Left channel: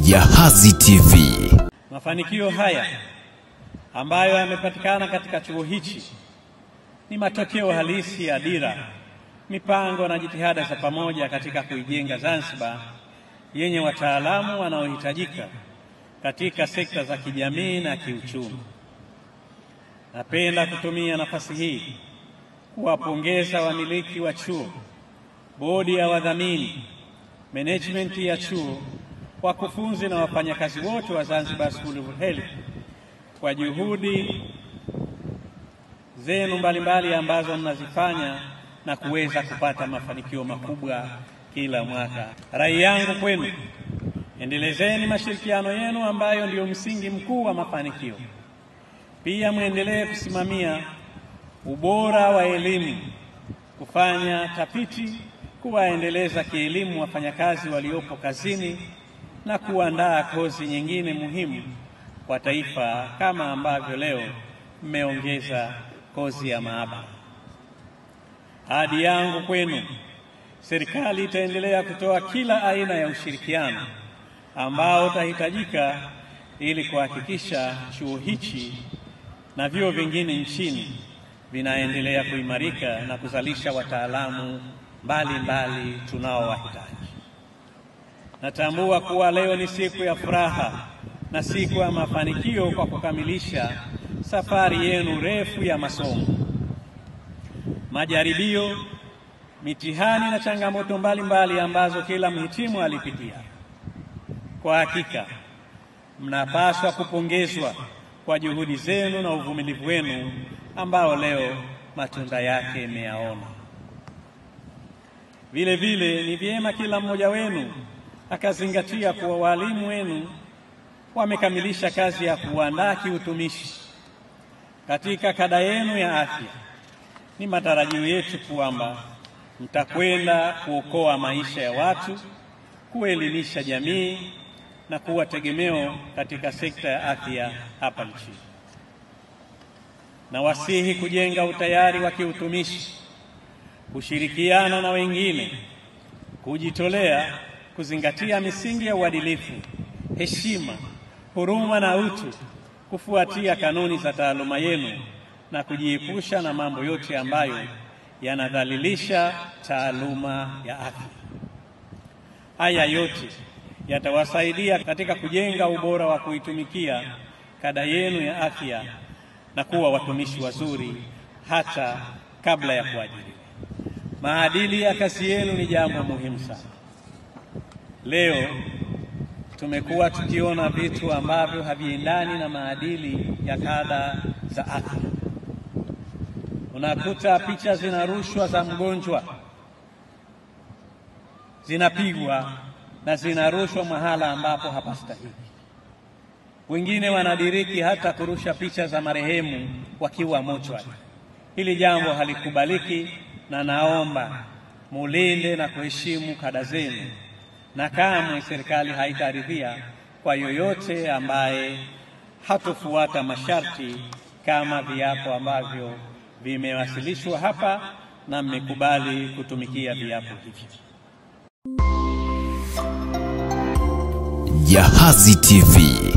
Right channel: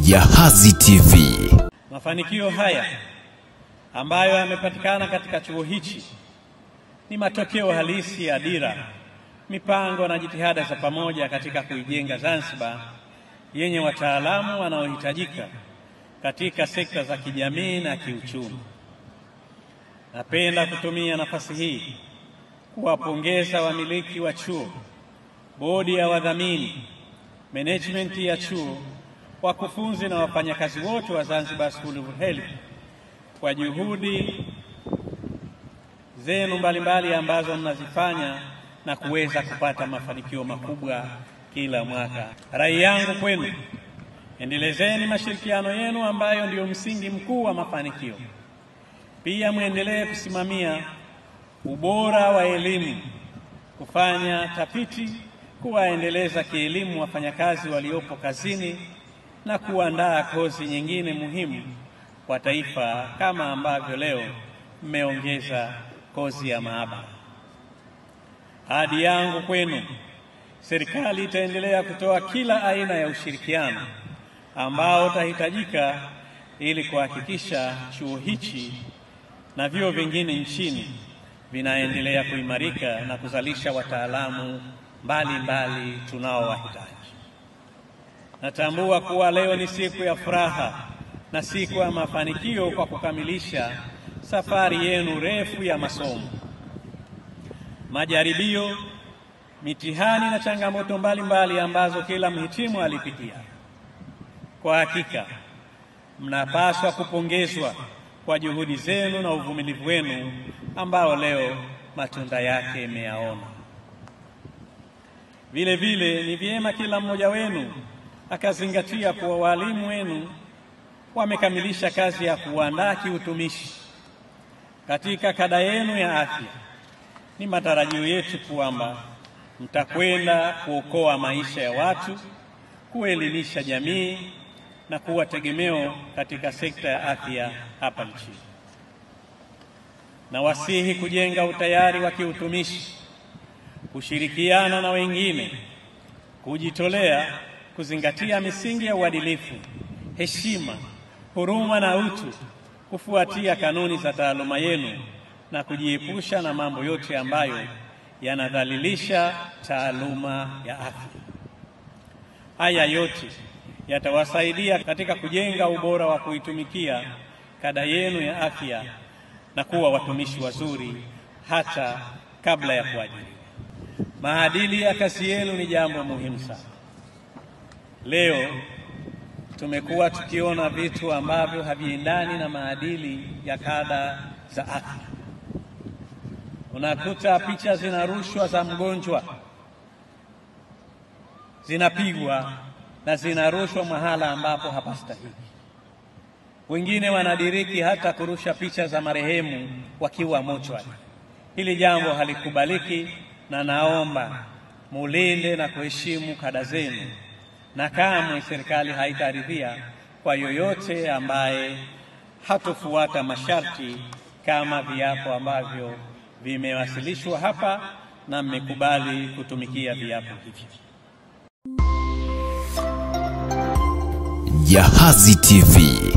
Jahazi TV. Mafanikio haya ambayo yamepatikana katika chuo hichi ni matokeo halisi ya dira, mipango na jitihada za pamoja katika kuijenga Zanzibar yenye wataalamu wanaohitajika katika sekta za kijamii na kiuchumi. Napenda kutumia nafasi hii kuwapongeza wamiliki wa chuo, bodi ya wadhamini, management ya chuo, wakufunzi na wafanyakazi wote wa Zanzibar School of Health kwa juhudi zenu mbalimbali ambazo mnazifanya na kuweza kupata mafanikio makubwa kila mwaka. Rai yangu kwenu, endelezeni mashirikiano yenu ambayo ndio msingi mkuu wa mafanikio. Pia muendelee kusimamia ubora wa elimu, kufanya tafiti, kuwaendeleza kielimu wafanyakazi waliopo kazini na kuandaa kozi nyingine muhimu kwa taifa, kama ambavyo leo mmeongeza kozi ya maabara. Ahadi yangu kwenu, serikali itaendelea kutoa kila aina ya ushirikiano ambao utahitajika ili kuhakikisha chuo hichi na vyuo vingine nchini vinaendelea kuimarika na kuzalisha wataalamu mbalimbali tunaowahitaji. Natambua kuwa leo ni siku ya furaha na siku ya mafanikio kwa kukamilisha safari yenu refu ya masomo. Majaribio, mitihani na changamoto mbalimbali ambazo kila mhitimu alipitia. Kwa hakika, mnapaswa kupongezwa kwa juhudi zenu na uvumilivu wenu ambao leo matunda yake mmeyaona. Vile vile ni vyema kila mmoja wenu akazingatia kuwa walimu wenu wamekamilisha kazi ya kuandaa kiutumishi katika kada yenu ya afya. Ni matarajio yetu kwamba mtakwenda kuokoa maisha ya watu, kuelimisha jamii na kuwa tegemeo katika sekta ya afya hapa nchini. Nawasihi kujenga utayari wa kiutumishi, kushirikiana na wengine, kujitolea, kuzingatia misingi ya uadilifu, heshima, huruma na utu, kufuatia kanuni za taaluma yenu na kujiepusha na mambo yote ambayo yanadhalilisha taaluma ya afya. Haya yote yatawasaidia katika kujenga ubora wa kuitumikia kada yenu ya afya na kuwa watumishi wazuri hata kabla ya kuajiriwa. Maadili ya kazi yenu ni jambo muhimu sana. Leo tumekuwa tukiona vitu ambavyo haviendani na maadili ya kada za afya. Unakuta picha zinarushwa za mgonjwa, zinapigwa na zinarushwa mahala ambapo hapastahili. Wengine wanadiriki hata kurusha picha za marehemu wakiwa mochwari. Hili jambo halikubaliki, na naomba mulinde na kuheshimu kada zenu, na kamwe serikali haitaridhia kwa yoyote ambaye hatofuata masharti kama viapo ambavyo vimewasilishwa hapa na mmekubali kutumikia viapo hivi. Jahazi TV.